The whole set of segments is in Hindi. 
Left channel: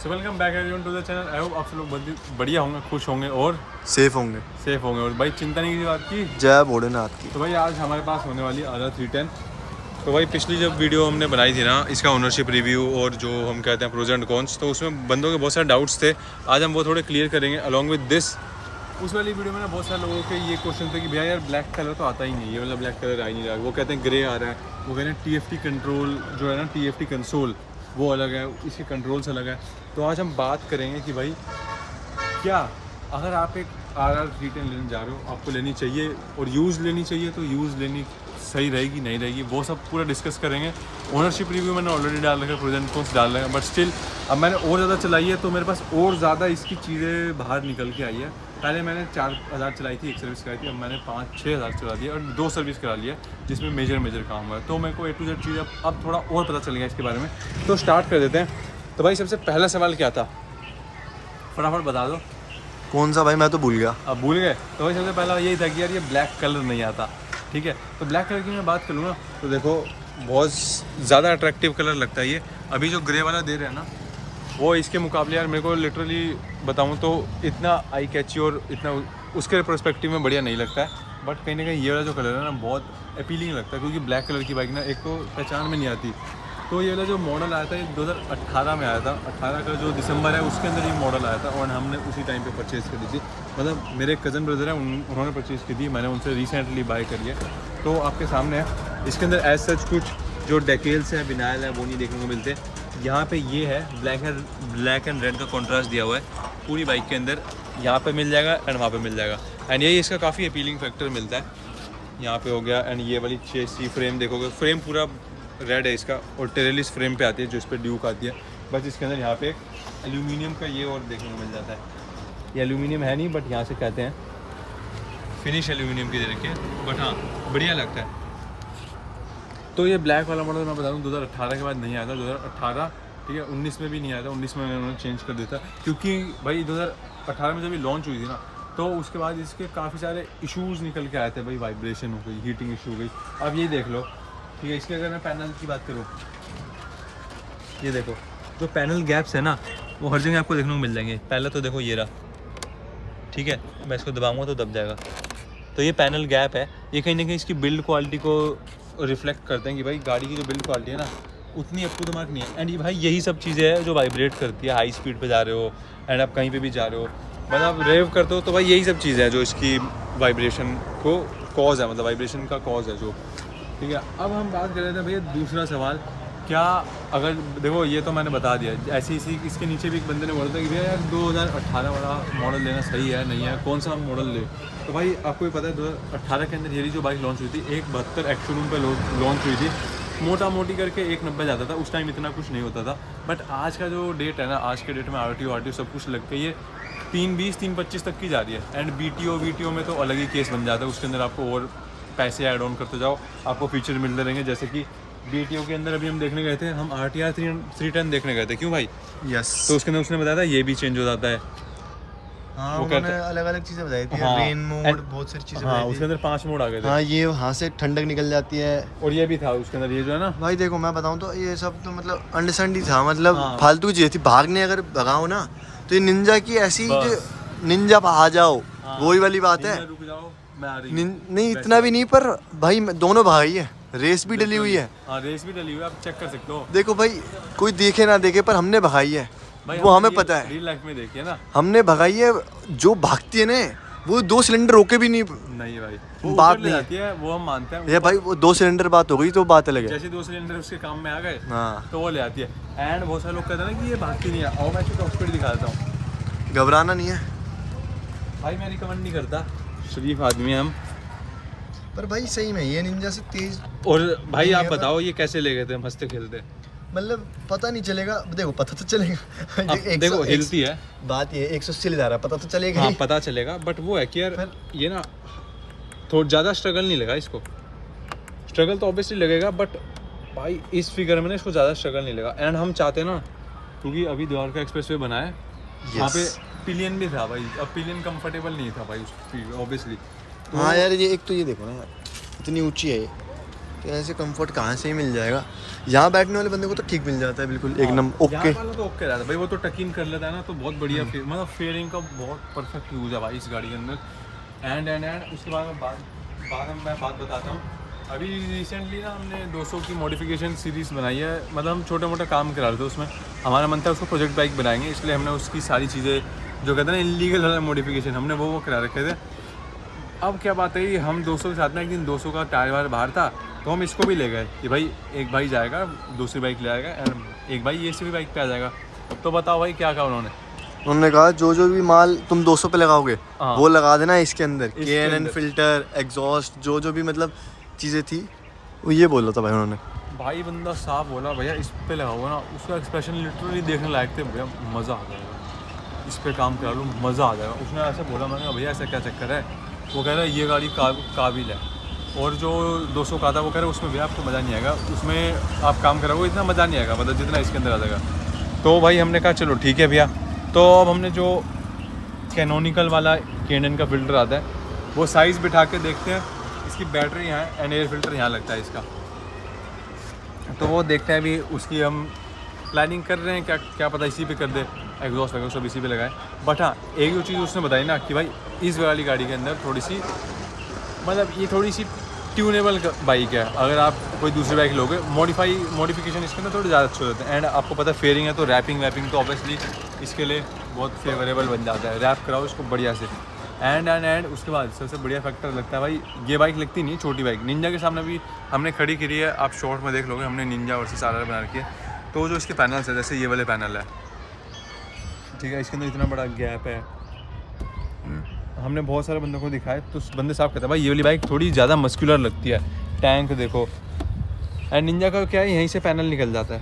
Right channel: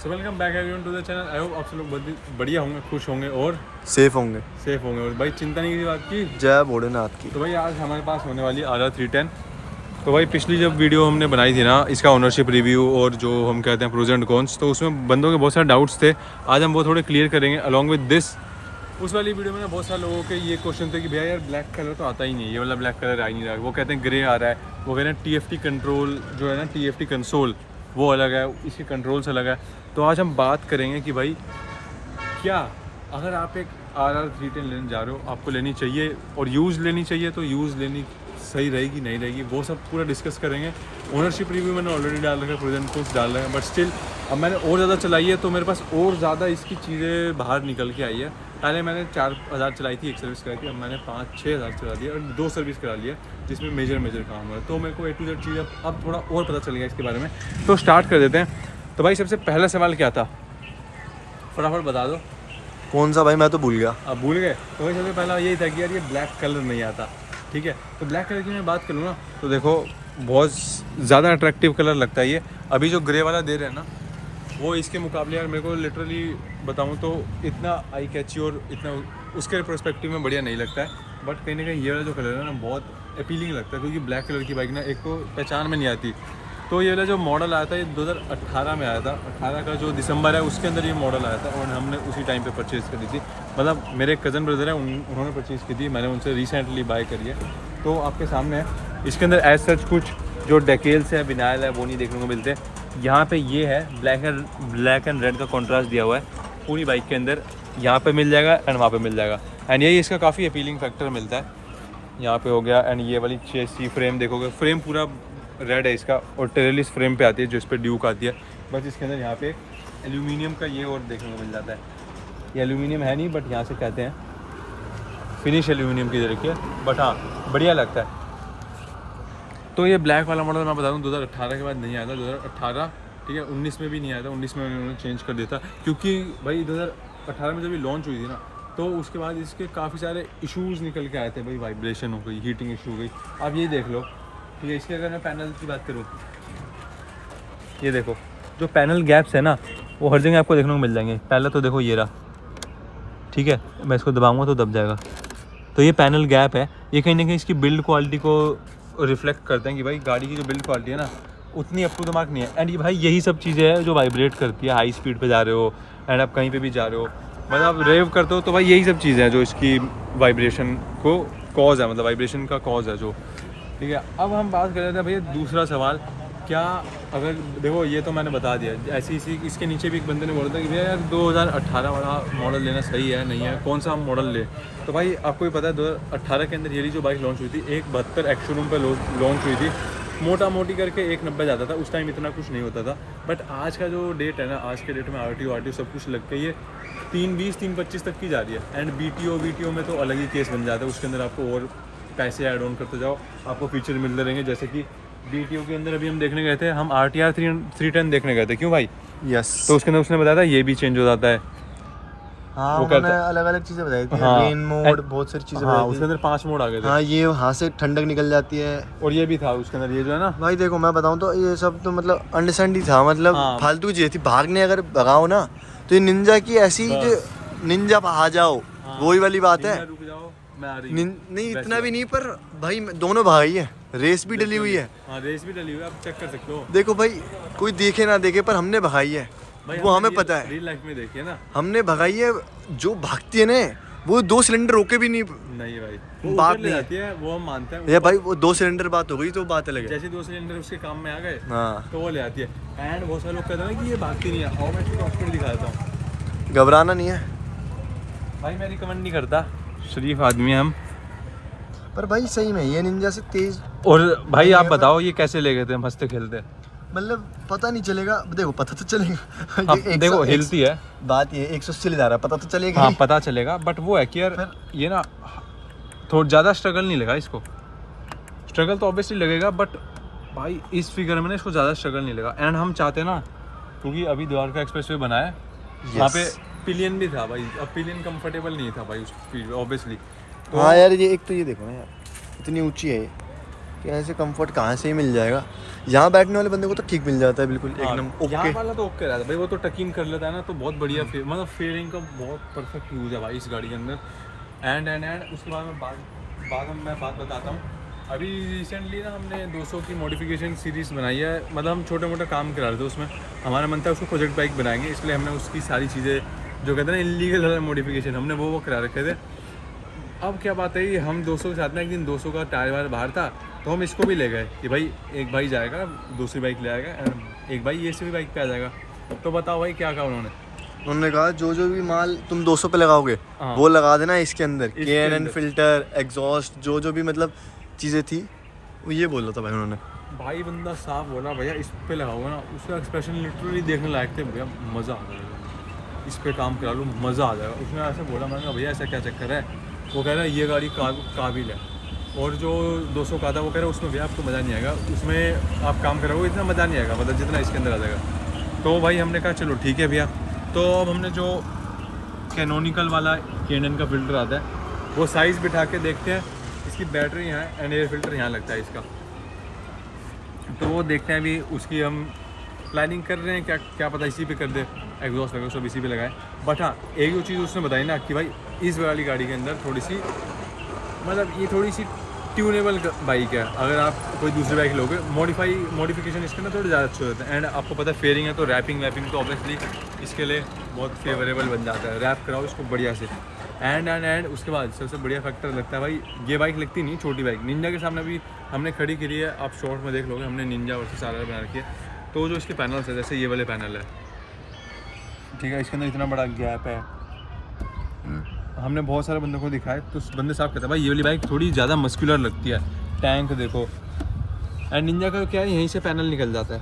So welcome back everyone to the channel. I hope आप सब लोग बढ़िया होंगे, खुश होंगे और सेफ होंगे। और भाई चिंता नहीं की बात की। जय भोलेनाथ की। तो भाई आज हमारे पास होने वाली RR 310। तो भाई पिछली जब वीडियो हमने बनाई थी ना, इसका ओनरशिप रिव्यू और जो हम कहते हैं प्रोज एंड कॉन्स, तो उसमें बंदों के बहुत सारे डाउट्स थे। आज हम वो थोड़े क्लियर करेंगे अलॉन्ग विद दिस। उस वाली वीडियो में ना बहुत सारे लोगों के ये क्वेश्चन थे कि भैया यार ब्लैक कलर तो आता ही नहीं है, ये वाला ब्लैक कलर आ ही नहीं रहा है। वो कहते हैं ग्रे आ रहा है, वो कहते हैं TFT कंट्रोल जो है ना, TFT कंसोल वो अलग है, इसके कंट्रोल्स अलग है। तो आज हम बात करेंगे कि भाई क्या अगर आप एक RR 310 लेने जा रहे हो, आपको लेनी चाहिए और यूज़ लेनी चाहिए, तो यूज़ लेनी सही रहेगी नहीं रहेगी, वो सब पूरा डिस्कस करेंगे। ओनरशिप रिव्यू मैंने ऑलरेडी डाल रखा है, प्रोज एंड कॉन्स डाल रहे हैं, बट स्टिल अब मैंने और ज़्यादा चलाई है तो मेरे पास और ज़्यादा इसकी चीज़ें बाहर निकल के आई है। पहले मैंने 4000 चलाई थी, एक सर्विस कराई थी, अब मैंने 5-6 हज़ार चला दिया और 2 सर्विस करा लिया जिसमें मेजर काम हुआ है। तो मेरे को A to Z चीज़ अब थोड़ा और पता चल गया इसके बारे में। तो स्टार्ट कर देते हैं। तो भाई सबसे पहला सवाल क्या था, फटाफट बता दो। कौन सा भाई, मैं तो भूल गया। अब भूल गए? तो भाई सबसे पहला यही था कि यार ये ब्लैक कलर नहीं आता, ठीक है। तो ब्लैक कलर की मैं बात करूँ ना, तो देखो बहुत ज़्यादा अट्रैक्टिव कलर लगता है ये। अभी जो ग्रे वाला दे रहे हैं ना, वो इसके मुकाबले यार मेरे को लिटरली बताऊँ तो इतना आई कैची और इतना उसके पर्सपेक्टिव में बढ़िया नहीं लगता है। बट कहीं ना कहीं ये वाला जो कलर है ना बहुत अपीलिंग लगता है, क्योंकि ब्लैक कलर की बाइक ना एक तो पहचान में नहीं आती। तो ये वाला जो मॉडल आया था ये 2018 में आया था, 18 का जो दिसंबर है उसके अंदर ये मॉडल आया था और हमने उसी टाइम पे परचेज़ करी थी। मतलब मेरे कज़न ब्रदर है, उन्होंने परचेज़ की थी, मैंने उनसे रिसेंटली बाय करी है। तो आपके सामने है, इसके अंदर एज सच कुछ जो डेकेल्स है, विनाइल है, वो नहीं देखने को मिलते। यहाँ पे ये है ब्लैक एंड रेड का कॉन्ट्रास्ट दिया हुआ है पूरी बाइक के अंदर, यहाँ पे मिल जाएगा एंड वहाँ पे मिल जाएगा। एंड यही इसका काफ़ी अपीलिंग फैक्टर मिलता है, यहाँ पे हो गया। एंड ये वाली चेसी फ्रेम देखोगे, फ्रेम पूरा रेड है इसका और टेरेलिस फ्रेम पे आती है जो इस पर ड्यूक आती है। बस इसके अंदर यहाँ पे एल्यूमिनियम का ये और देखने को मिल जाता है। ये एल्यूमिनियम है नहीं, बट यहाँ से कहते हैं फिनिश एल्यूमिनियम की दे रखी है, बट हाँ बढ़िया लगता है। तो ये ब्लैक वाला मॉडल मैं बता दूँ 2018 के बाद नहीं आया था, 2018 ठीक है, 19 में भी नहीं आया था। 19 में उन्होंने चेंज कर दिया था, क्योंकि भाई 2018 में जब ये लॉन्च हुई थी ना, तो उसके बाद इसके काफ़ी सारे इश्यूज़ निकल के आए थे भाई। वाइब्रेशन हो गई, हीटिंग इशू हो गई। अब यही देख लो, ठीक है। इसके अगर मैं पैनल की बात करूँ, ये देखो जो पैनल गैप्स है ना, वो हर जगह आपको देखने को मिल जाएंगे। पहले तो देखो ये रहा, ठीक है, मैं इसको दबाऊंगा तो दब जाएगा। तो ये पैनल गैप है, ये कहीं ना कहीं इसकी बिल्ड क्वालिटी को रिफ्लेक्ट करते हैं कि भाई गाड़ी की जो बिल्ड क्वालिटी है ना उतनी अप टू द मार्क नहीं है। एंड ये भाई यही सब चीज़ें हैं जो वाइब्रेट करती है, हाई स्पीड पे जा रहे हो एंड आप कहीं पे भी जा रहे हो, मतलब आप रेव करते हो, तो भाई यही सब चीज़ें हैं जो इसकी वाइब्रेशन को कॉज है, मतलब वाइब्रेशन का कॉज है जो, ठीक है। अब हम बात कर रहे थे भैया दूसरा सवाल, क्या अगर देखो ये तो मैंने बता दिया, ऐसी इसी इसके नीचे भी एक बंदे ने बोला था कि भैया यार 2018 वाला मॉडल लेना सही है नहीं है, कौन सा हम मॉडल ले। तो भाई आपको भी पता है 2018 के अंदर ये जो बाइक लॉन्च हुई थी 172 एक्स शोरूम पर लॉन्च हुई थी, मोटा मोटी करके 190 जाता था उस टाइम, इतना कुछ नहीं होता था। बट आज का जो डेट है ना, आज के डेट में RTO सब कुछ लग के ये 320 325 तक की जा रही है। एंड BTO में तो अलग ही केस बन जाता है, उसके अंदर आपको और पैसे ऐड ऑन करते जाओ, आपको फीचर मिलते रहेंगे। जैसे कि BTO के अंदर अभी हम देखने गए थे, हम RTR 310 देखने गए थे, क्यों भाई? यस। तो उसके अंदर उसने बताया था ये भी चेंज हो जाता है। हाँ, उन्होंने अलग अलग चीजें बताई थी। हाँ, रेन मोड, बहुत सारी चीजें बताई थी। उसके अंदर 5 मोड आ गए थे। हाँ, ये वहाँ से ठंडक निकल जाती है। और ये भी था उसके अंदर, ये जो है ना भाई देखो मैं बताऊँ तो ये सब तो मतलब अंडरस्टैंड ही था, मतलब फालतू की चीज थी। भागने अगर भगाओ ना तो ये निंजा की ऐसी जो निंजा आ जाओ, वही वाली बात है। रुक जाओ मैं आ रही नहीं इतना भी नहीं, पर भाई दोनों भाई है, रेस भी डली हुई है। हाँ रेस भी डली हुई है, आप चेक कर सकते हो। देखो भाई कोई देखे ना देखे, पर हमने भगाई है, वो हमें पता है। रियल लाइफ में देखिए ना, हमने हमने भगाई है। जो भागती है ना वो 2 सिलेंडर रोके भी नहीं भाई, वो बात ऊपर ले नहीं जाती है, वो हम मानते हैं। ये भाई वो 2 सिलेंडर बात हो गई तो बात अलग है। जैसे 2 सिलेंडर उसके काम में आ गए, हाँ, तो वो ले आती है। एंड बहुत सारे लोग कहते हैं ना कि ये भागती नहीं है, और मैं इसको हॉस्पिटल दिखा देता हूँ। घबराना नहीं है भाई, मैं रिकमेंड नहीं करता, शरीफ आदमी हम। पर भाई सही में ये निंजा से तेज। और भाई आप बताओ ये कैसे ले गए थे हंसते खेलते? मतलब पता नहीं चलेगा, देखो पता तो चलेगा। अब देखो हिलती है, बात ये 180 ले जा रहा है, पता तो चलेगा। हाँ पता चलेगा, बट वो है कि यार ये ना थोड़ा ज़्यादा स्ट्रगल नहीं लगा इसको। स्ट्रगल तो ऑब्वियसली लगेगा, बट भाई इस फिगर में ना इसको ज़्यादा स्ट्रगल नहीं लगा। एंड हम चाहते ना, क्योंकि अभी द्वारका एक्सप्रेस वे बना है, वहाँ पे पिलियन भी था भाई। अब पिलियन कंफर्टेबल नहीं था भाई उस ऑब्वियसली। हाँ यार, ये एक तो ये देखो ना यार, इतनी ऊंची है ये, कि ऐसे कंफर्ट कहाँ से ही मिल जाएगा। यहाँ बैठने वाले बंदे को तो ठीक मिल जाता है बिल्कुल एकदम यहाँ ओके। वाला तो ओके रहता है भाई, वो तो टकिन कर लेता है ना, तो बहुत बढ़िया मतलब फेयरिंग का बहुत परफेक्ट यूज़ है भाई इस गाड़ी के अंदर। एंड उसके बाद मैं बात बताता हूँ। अभी रिसेंटली ना हमने 200 की मॉडिफिकेशन सीरीज़ बनाई है, मतलब हम छोटे मोटे काम करा रहे थे उसमें, हमारा मन था उसको प्रोजेक्ट बाइक बनाएंगे, इसलिए हमने उसकी सारी चीज़ें जो कहते हैं ना इलीगल मॉडिफिकेशन, हमने वो करा रखे थे। अब क्या बात है, हम 200 के साथ में एक दिन 200 का टायर वायर बाहर था, तो हम इसको भी ले गए कि भाई एक भाई जाएगा दूसरी बाइक ले आएगा, एक भाई ये भी बाइक पे आ जाएगा। तो बताओ भाई क्या कहा उन्होंने कहा जो भी माल तुम 200 पे लगाओगे हाँ। वो लगा देना इसके अंदर, इसके KNN फिल्टर, एग्जॉस्ट, जो भी मतलब चीज़ें थी वो ये बोला था भाई उन्होंने। भाई बंदा साफ बोला भैया इस पे लगाओ ना, उसका एक्सप्रेशन लिटरली देखने लायक थे, भैया मज़ा आ जाएगा, इस पे काम करा लो मज़ा आ जाएगा। उसने ऐसे बोला, मैंने कहा भैया ऐसा क्या चक्कर है? वो कह रहा है ये गाड़ी काबिल है, और जो 200 का था वो कह रहा है उसमें भैया आपको मज़ा नहीं आएगा, उसमें आप काम कराओगे इतना मज़ा नहीं आएगा, मतलब जितना इसके अंदर आ जाएगा। तो भाई हमने कहा चलो ठीक है भैया। तो अब हमने जो कैनोनिकल वाला KNN का फ़िल्टर आता है वो साइज़ बिठा के देखते हैं, इसकी बैटरी यहाँ है एंड एयर फिल्टर यहाँ लगता है इसका, तो वो देखते हैं। अभी उसकी हम प्लानिंग कर रहे हैं, क्या पता इसी पे कर दे, एग्जॉस्ट वगैरह सब इसी पे लगाए। बट हाँ एक जो चीज़ उसने बताई ना कि भाई इस वाली गाड़ी के अंदर थोड़ी सी मतलब ये थोड़ी सी ट्यूनेबल बाइक है, अगर आप कोई दूसरी बाइक लोगे मॉडिफिकेशन इसके अंदर थोड़े ज़्यादा अच्छे होते हैं। एंड आपको पता है फेयरिंग है तो रैपिंग तो ऑब्वियसली इसके लिए बहुत फेवरेबल बन जाता है, रैप कराओ इसको बढ़िया से। एंड उसके बाद सबसे बढ़िया फैक्टर लगता है भाई, ये बाइक लगती नहीं छोटी बाइक, निंजा के सामने भी हमने खड़ी करी है, आप शॉर्ट में देख लोगे, हमने निंजा वर्सेस RR बना रखी है। तो जो इसके पैनल्स है, जैसे ये वाले पैनल है, ठीक है, इसके अंदर इतना बड़ा गैप है, हमने बहुत सारे बंदों को दिखाए तो बंदे साफ कहते हैं भाई ये वाली बाइक थोड़ी ज़्यादा मस्कुलर लगती है, टैंक देखो। एंड निंजा का क्या है, यहीं से पैनल निकल जाता है,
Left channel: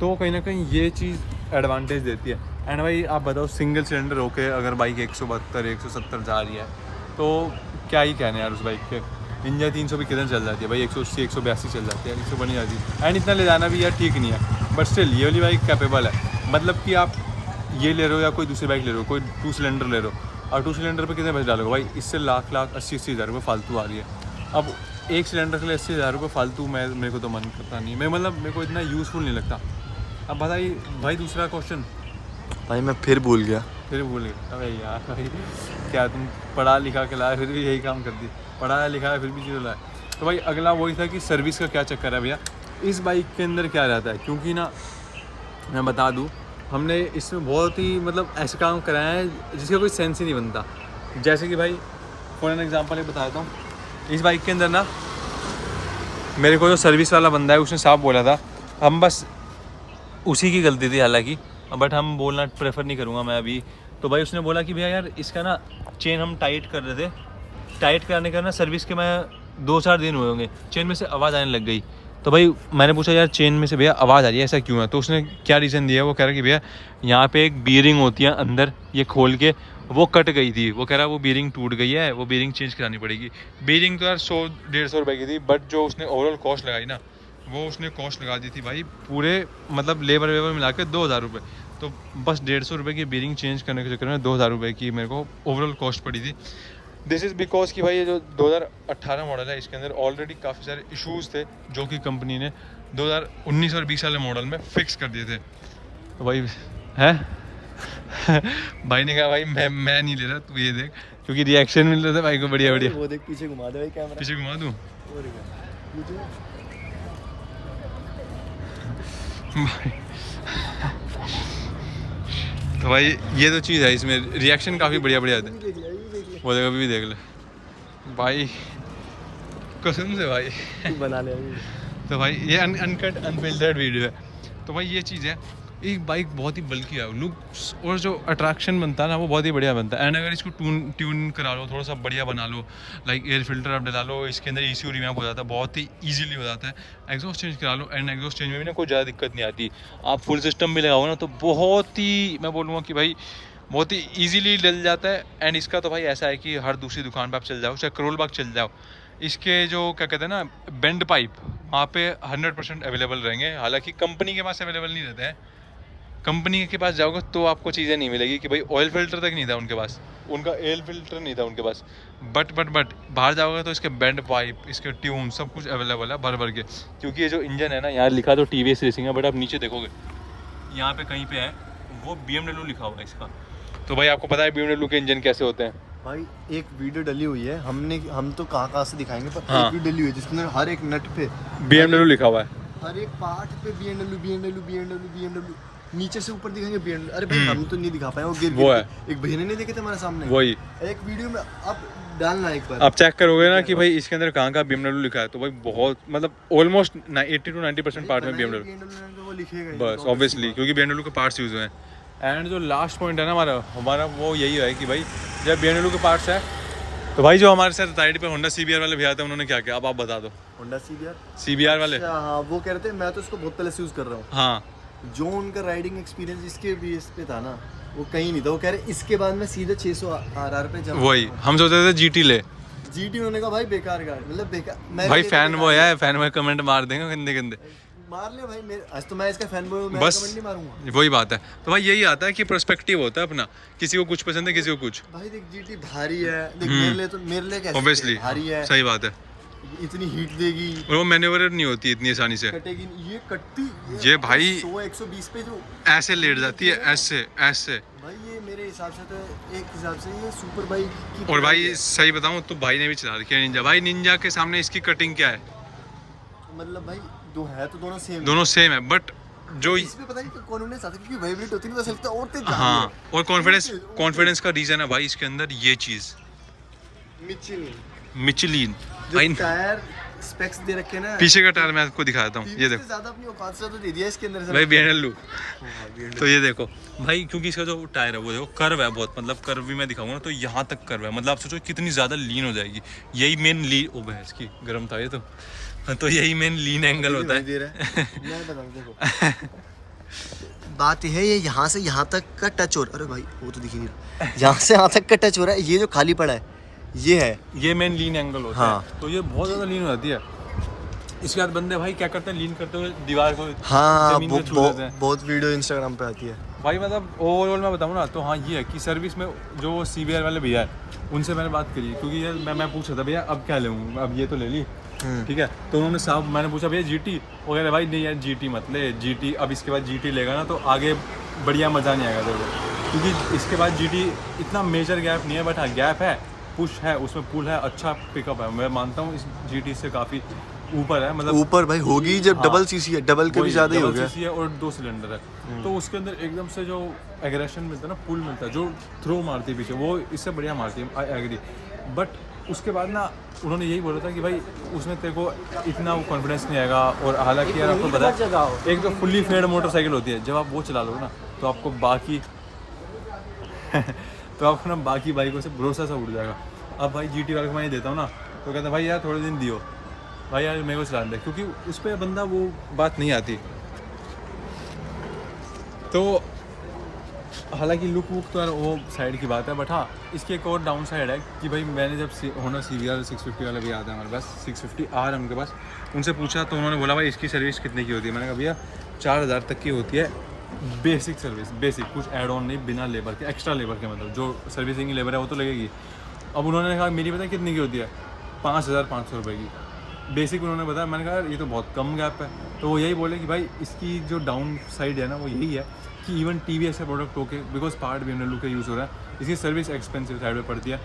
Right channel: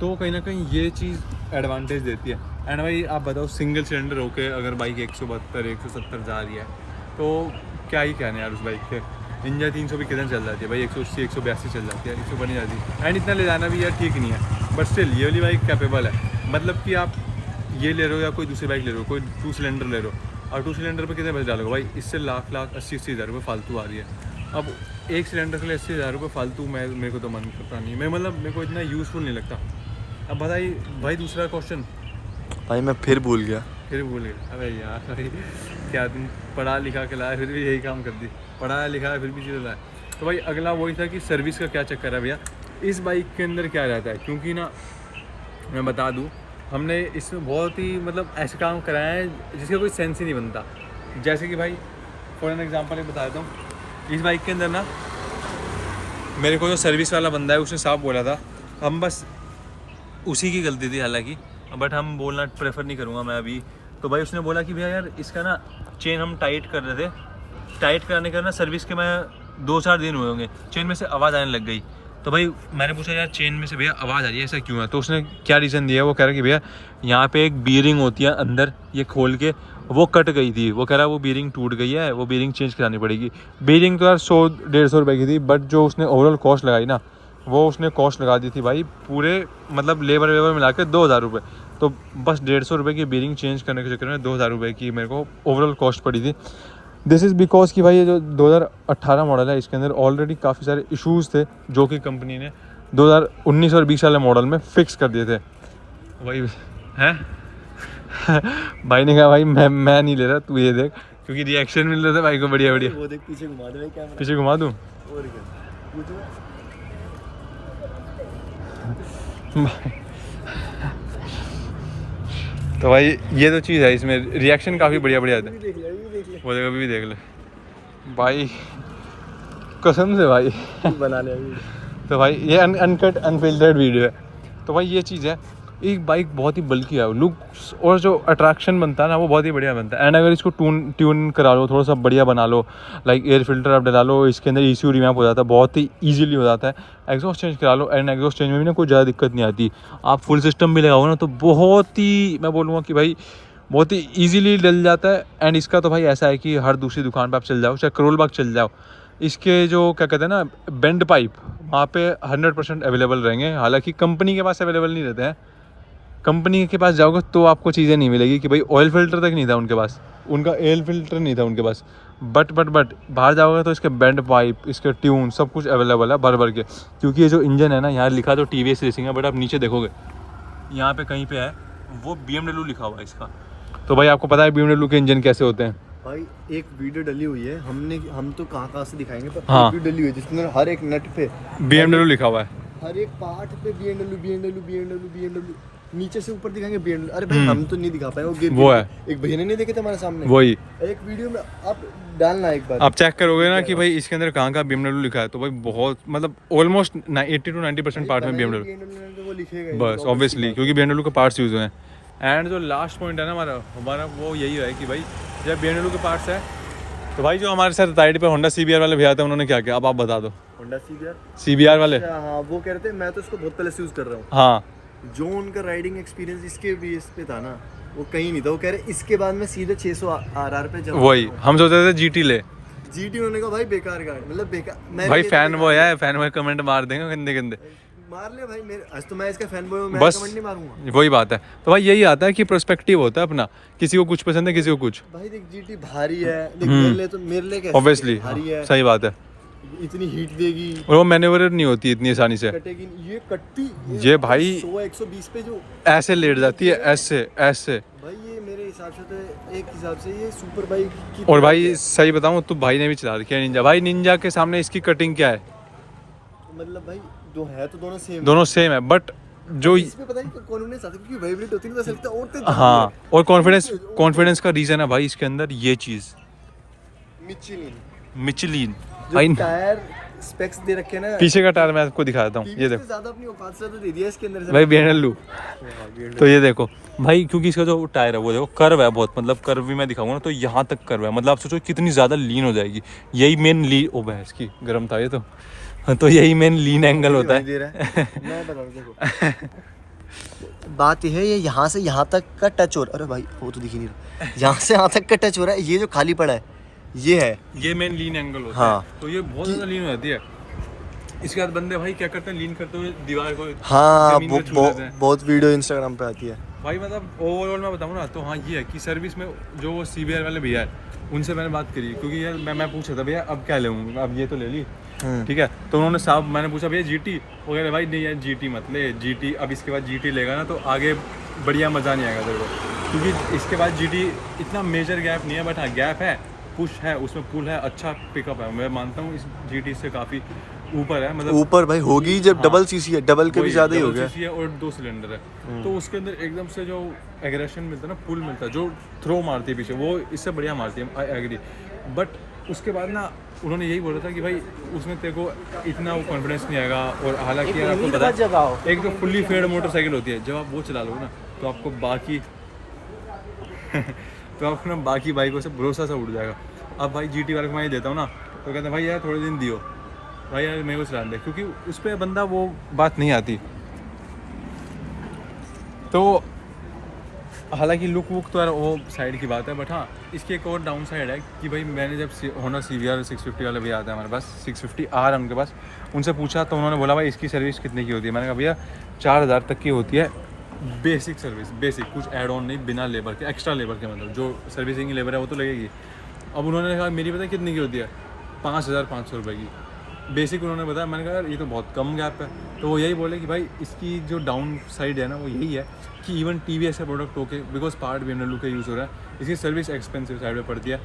तो कहीं ना कहीं ये चीज़ एडवांटेज देती है। एंड भाई आप बताओ सिंगल सिलेंडर होके अगर बाइक 172 170 जा रही है तो क्या ही कहने यार उस बाइक के। निंजा 300 भी कितने चल जाती है भाई, 180 182 चल जाती है, 100 नहीं जाती है। एंड इतना ले जाना भी यार ठीक नहीं है, बट स्टिल ये वाली बाइक कैपेबल है। मतलब कि आप ये ले रहे हो या कोई दूसरी बाइक ले रहे हो, कोई 2 सिलेंडर ले रहे हो, और 2 सिलेंडर पे कितने पैसे डालोगे भाई, इससे लाख 80 हज़ार रुपये फालतू आ रही है। अब एक सिलेंडर के लिए 80 हज़ार रुपये फालतू, मेरे को तो मन करता नहीं, मैं मतलब मेरे को इतना यूज़फुल नहीं लगता। अब बताइए भाई दूसरा क्वेश्चन भाई मैं फिर भूल गया। फिर बोले अबे यार भाई क्या तुम पढ़ा लिखा के लाए फिर भी यही काम कर दी, पढ़ाया लिखा है फिर भी चीज़ लाए। तो भाई अगला वही था कि सर्विस का क्या चक्कर है भैया इस बाइक के अंदर क्या रहता है, क्योंकि ना मैं बता दूं हमने इसमें बहुत ही मतलब ऐसे काम कराए हैं जिसका कोई सेंस ही नहीं बनता। जैसे कि भाई फॉर एन एग्जांपल एक बता देता हूँ, इस बाइक के अंदर ना मेरे को जो सर्विस वाला बंदा है उसने साफ बोला था, हम बस उसी की गलती थी हालांकि, बट हम बोलना प्रेफर नहीं करूँगा मैं अभी। तो भाई उसने बोला कि भैया यार इसका ना चेन हम टाइट कर रहे थे, टाइट कराने का ना सर्विस के मैं 2-4 दिन हुए होंगे, चेन में से आवाज़ आने लग गई। तो भाई मैंने पूछा यार चेन में से भैया आवाज़ आ रही है ऐसा क्यों है, तो उसने क्या रीज़न दिया, वो कह रहा कि भैया यहाँ पे एक बीयरिंग होती है अंदर, ये खोल के वो कट गई थी, वो कह रहा वो बीयरिंग टूट गई है, वो बीयरिंग चेंज करानी पड़ेगी। बीयरिंग तो यार 100-150 रुपये की थी, बट जो उसने ओवरऑल कॉस्ट लगाई ना वो उसने कॉस्ट लगा दी थी भाई पूरे मतलब लेबर वेबर मिला के 2000 रुपये। तो बस 150 रुपये की बीयरिंग चेंज करने के चक्कर में 2000 रुपये की मेरे को ओवरऑल कॉस्ट पड़ी थी। दिस इज़ बिकॉज कि भाई ये जो 2018 मॉडल है इसके अंदर ऑलरेडी काफ़ी सारे इश्यूज़ थे जो कि कंपनी ने 2019 और 20 वाले मॉडल में फिक्स कर दिए थे। तो भाई है भाई ने कहा भाई मैं नहीं ले रहा, तू ये देख, क्योंकि रिएक्शन मिल रहा था भाई को बढ़िया बढ़िया। वो देख पीछे घुमा दे भाई कैमरा, पीछे घुमा दूँ भाई। तो भाई ये तो चीज़ है, इसमें रिएक्शन काफ़ी बढ़िया बढ़िया आते हैं, वो अभी भी देख ले भाई कसम से भाई बना ले। तो भाई ये अनकट अनफिल्टर्ड वीडियो है। तो भाई ये चीज़ है, एक बाइक बहुत ही बल्कि है, लुक्स और जो अट्रैक्शन बनता है ना वो बहुत ही बढ़िया बनता है। एंड अगर इसको ट्यून करा लो, थोड़ा सा बढ़िया बना लो, लाइक एयर फिल्टर आप डला लो, इसके अंदर ECU रिमैप हो जाता है, बहुत ही ईजिली हो जाता है। एग्जॉस्ट चेंज करा लो, एंड एग्जॉस्ट चेंज में भी ना कोई ज़्यादा दिक्कत नहीं आती। आप फुल सिस्टम भी लगाओ ना तो बहुत ही मैं बोलूँगा कि भाई बहुत ही ईजिली डल जाता है। एंड इसका तो भाई ऐसा है कि हर दूसरी दुकान पर आप चल जाओ, चाहे करोल बाग चल जाओ, इसके जो क्या कहते हैं ना बेंड पाइप वहाँ पे 100% अवेलेबल रहेंगे। हालांकि कंपनी के पास अवेलेबल नहीं रहते हैं, कंपनी के पास जाओगे तो आपको चीज़ें नहीं मिलेगी कि भाई ऑयल फिल्टर तक नहीं था उनके पास, उनका एयर फिल्टर नहीं था उनके पास, बट बाहर जाओगे तो इसके बैंड पाइप, इसके ट्यून सब कुछ अवेलेबल है भर के, क्योंकि ये जो इंजन है ना, यहाँ लिखा तो TVS रेसिंग है, बट आप नीचे देखोगे यहाँ पे कहीं पे है वो BMW लिखा हुआ है इसका। तो भाई आपको पता है BMW के इंजन कैसे होते हैं भाई? एक वीडियो डली हुई है, हम तो कहाँ से दिखाएंगे, पर हाँ। एक वीडियो डली हुई है जिसके अंदर हर एक नट पे BMW लिखा हुआ है, हर एक पार्ट पे BMW नीचे से ऊपर दिखाएंगे BMW। अरे भाई हम तो नहीं दिखा पाए, वो गिर वो है। एक भैया ने नहीं देखे थे हमारे सामने, वही एक वीडियो में आप डालना एक बार, आप चेक करोगे ना कि भाई इसके अंदर कहाँ का BMW लिखा है, तो भाई बहुत मतलब ऑलमोस्ट 80 to 90% पार्ट में BMW तो वो लिखेगा ही, बस ऑब्वियसली, क्योंकि BMW के पार्ट्स यूज हुए हैं। एंड जो लास्ट पॉइंट है ना हमारा वो यही है कि भाई जब BMW के पार्ट्स है, तो भाई जो हमारे साथ राइड पे होंडा CBR वाले भैया थे, उन्होंने क्या किया अब आप बता दो। होंडा CBR वाले, हाँ, वो कह रहे थे मैं तो इसको बहुत पहले से यूज कर रहा हूँ। हाँ जो उनका राइडिंग एक्सपीरियंस इसके बेस पे था ना, वो कहीं नहीं था। वो कह रहे इसके बाद मैं सीधे 600 RR पे जमा, वही हम सोच रहे थे GT ले, GT उन्होंने कहा भाई बेकार गाड़ी, मतलब बेकार। भाई फैन बॉय कमेंट मार देंगे गंदे मार ले भाई, मेरे आज तो मैं इसका फैन बॉय हूं, मैं बस कमेंट नहीं मारूंगा। वही बात है। तो भाई यही आता है कि पर्सपेक्टिव होता है अपना, किसी को कुछ पसंद है किसी को कुछ। भाई देख GT भारी है, देख मेरे लिए कैसे ऑब्वियसली भारी है, सही बात है, इतनी हीट देगी और वो मैन्युवर नहीं होती इतनी आसानी से, कटेगी ये कट्टी, ये भाई 100-120 पे जो ऐसे लेट जाती है, ऐसे भाई, ये मेरे हिसाब से तो एक हिसाब से ये सुपर बाइक की। और भाई सही बताऊं तो भाई ने भी चला रखी है निंजा, भाई निंजा के सामने इसकी कटिंग क्या है, मतलब भाई दो है तो दोनों सेम है, बट जो इसमें पता नहीं कॉन्फिडेंस आता है, क्योंकि वाइब्रेट होती है ना तो चलता है और तेज हाँ, और कॉन्फिडेंस का रीजन है भाई इसके अंदर ये चीज मिचलिन। भाई टायर स्पेक्स दे रखे हैं ना, पीछे का टायर मैं आपको दिखा देता हूँ, ये देखो ज्यादा अपनी औकात से तो दे दिया इसके अंदर से भाई BMW। तो ये देखो भाई, क्योंकि इसका जो टायर है वो देखो कर्व है बहुत, मतलब कर्व भी मैं दिखाऊंगा ना तो यहाँ तक कर्व है, मतलब आप सोचो कितनी ज़्यादा लीन हो जाएगी। यही मेन लीन, ओ भैंस की गर्म था ये तो यही मेन लीन एंगल होता है। मैं बताऊं देखो बात ये है, ये यहाँ से यहाँ तक का टच हो रहा है, अरे भाई वो तो दिख ही नहीं रहा, यहाँ से यहाँ तक का टच हो रहा है, ये जो खाली पड़ा है ये है, ये मेन लीन एंगल होता हाँ। है, तो ये बहुत ज़्यादा लीन हो जाती है। इसके बाद बंदे भाई क्या करते हैं, लीन करते हुए दीवार को, हाँ बहुत वीडियो इंस्टाग्राम पे आती है भाई। मतलब ओवरऑल मैं बताऊँ ना तो हाँ ये है कि सर्विस में जो वो CBR वाले भैया है उनसे मैंने बात करी, क्योंकि यार मैं पूछा था भैया अब क्या लूँ, अब ये तो ले ली ठीक है, तो उन्होंने साहब मैंने पूछा भैया GT, वो कह रहे भाई नहीं यार GT मत ले, GT अब इसके बाद GT लेगा ना तो आगे बढ़िया मज़ा नहीं आएगा तेरे को, क्योंकि इसके बाद GT इतना मेजर गैप नहीं है, बट हाँ गैप है, पुश है उसमें, पुल है, अच्छा पिकअप है, मैं मानता हूँ इस GT से काफ़ी ऊपर है, मतलब ऊपर भाई होगी जब हाँ, डबल CC है, डबल के भी ज़्यादा ही हो गया है और 2 सिलेंडर है, तो उसके अंदर एकदम से जो एग्रेशन मिलता है ना, पुल मिलता है, जो थ्रो मारती है पीछे वो इससे बढ़िया मारती है, आई एग्री। बट उसके बाद ना उन्होंने यही बोला था कि भाई उसमें तेरे को इतना वो कॉन्फिडेंस नहीं आएगा, और हालांकि यार आपको पता है एक जो फुल्ली फेड मोटरसाइकिल होती है, जब आप वो चला लोगे ना तो आपको बाकी तो आपको ना बाकी बाइकों से भरोसा सा उड़ जाएगा। अब भाई GT वाले को मैं ये देता हूँ ना तो कहते हैं भाई यार थोड़े दिन दियो भाई यार मेरे को चला दे, क्योंकि उस पर बंदा वो बात नहीं आती। तो हालांकि लुक वुक तो यार वो साइड की बात है, बट हाँ इसकी एक और डाउन साइड है कि भाई मैंने जब होंडा CBR 650 वाला भी आता है हमारे पास, 650R उनके पास, उनसे पूछा तो उन्होंने बोला भाई इसकी सर्विस कितने की होती है, मैंने कहा भैया 4000 तक की होती है बेसिक सर्विस, बेसिक कुछ ऐड ऑन नहीं, बिना लेबर के, एक्स्ट्रा लेबर के, मतलब जो सर्विसिंग की लेबर है वो तो लगेगी। अब उन्होंने कहा मेरी पता है कितनी की होती है, 5500 रुपये की बेसिक उन्होंने बताया। मैंने कहा यार ये तो बहुत कम गैप है, तो वो यही बोले कि भाई इसकी जो डाउन साइड है ना वो यही है कि इवन TVS का प्रोडक्ट होके बिकॉज पार्ट BMW का यूज़ हो रहा है, इसकी सर्विस एक्सपेंसिव साइड में पड़ती है।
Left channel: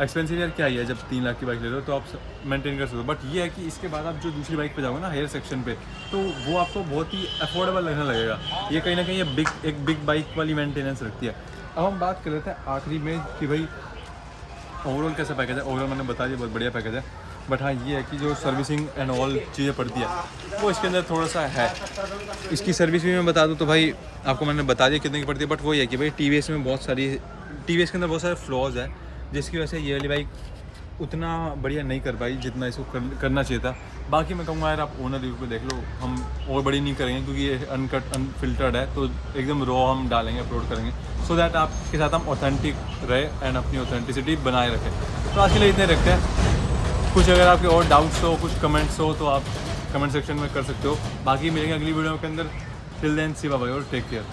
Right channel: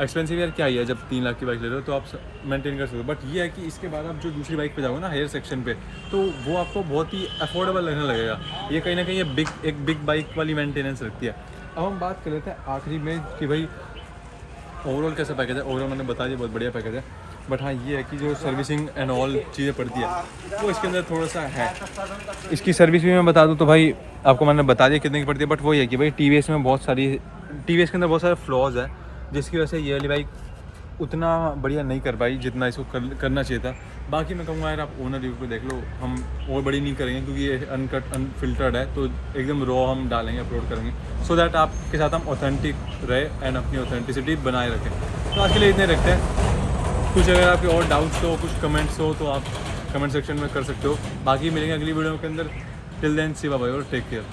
एक्सपेंसिव यार क्या ही है, जब 3 लाख की बाइक ले रहे हो तो आप मेंटेन कर सकते हो, बट ये है कि इसके बाद आप जो दूसरी बाइक पे जाओगे ना हायर सेक्शन पे, तो वो आपको बहुत ही अफोर्डेबल लगने लगेगा। ये कहीं ना कहीं ये एक बिग बाइक वाली मेंटेनेंस रखती है। अब हम बात कर लेते हैं आखिरी में कि भाई ओवरऑल कैसा पैकेज है। ओवरऑल मैंने बता दिया बहुत बढ़िया पैकेज है, बट हाँ ये है कि जो सर्विसिंग एंड ऑल चीज़ें पड़ती है वो इसके अंदर थोड़ा सा है। इसकी सर्विस भी मैं बता दूँ तो भाई आपको मैंने बता दिया कितने की पड़ती है, बट वही है कि भाई TVS में बहुत सारी, TVS के अंदर बहुत सारे फ्लॉज है जिसकी वजह से ये वाली बाइक उतना बढ़िया नहीं कर पाई जितना इसको करना चाहिए था। बाकी मैं कहूँगा यार आप ओनर रिव्यू पे देख लो, हम और बड़ी नहीं करेंगे क्योंकि ये अनकट अनफिल्टर्ड है, तो एकदम रॉ हम डालेंगे, अपलोड करेंगे, सो दैट आपके साथ हम ऑथेंटिक रहे एंड अपनी ऑथेंटिसिटी बनाए रखें। तो आज के लिए इतने रखते हैं। कुछ अगर आपके और डाउट्स हो, कुछ कमेंट्स हो तो आप कमेंट सेक्शन में कर सकते हो। बाकी मिलेंगे अगली वीडियो के अंदर। टिल देन सी बाय और टेक केयर।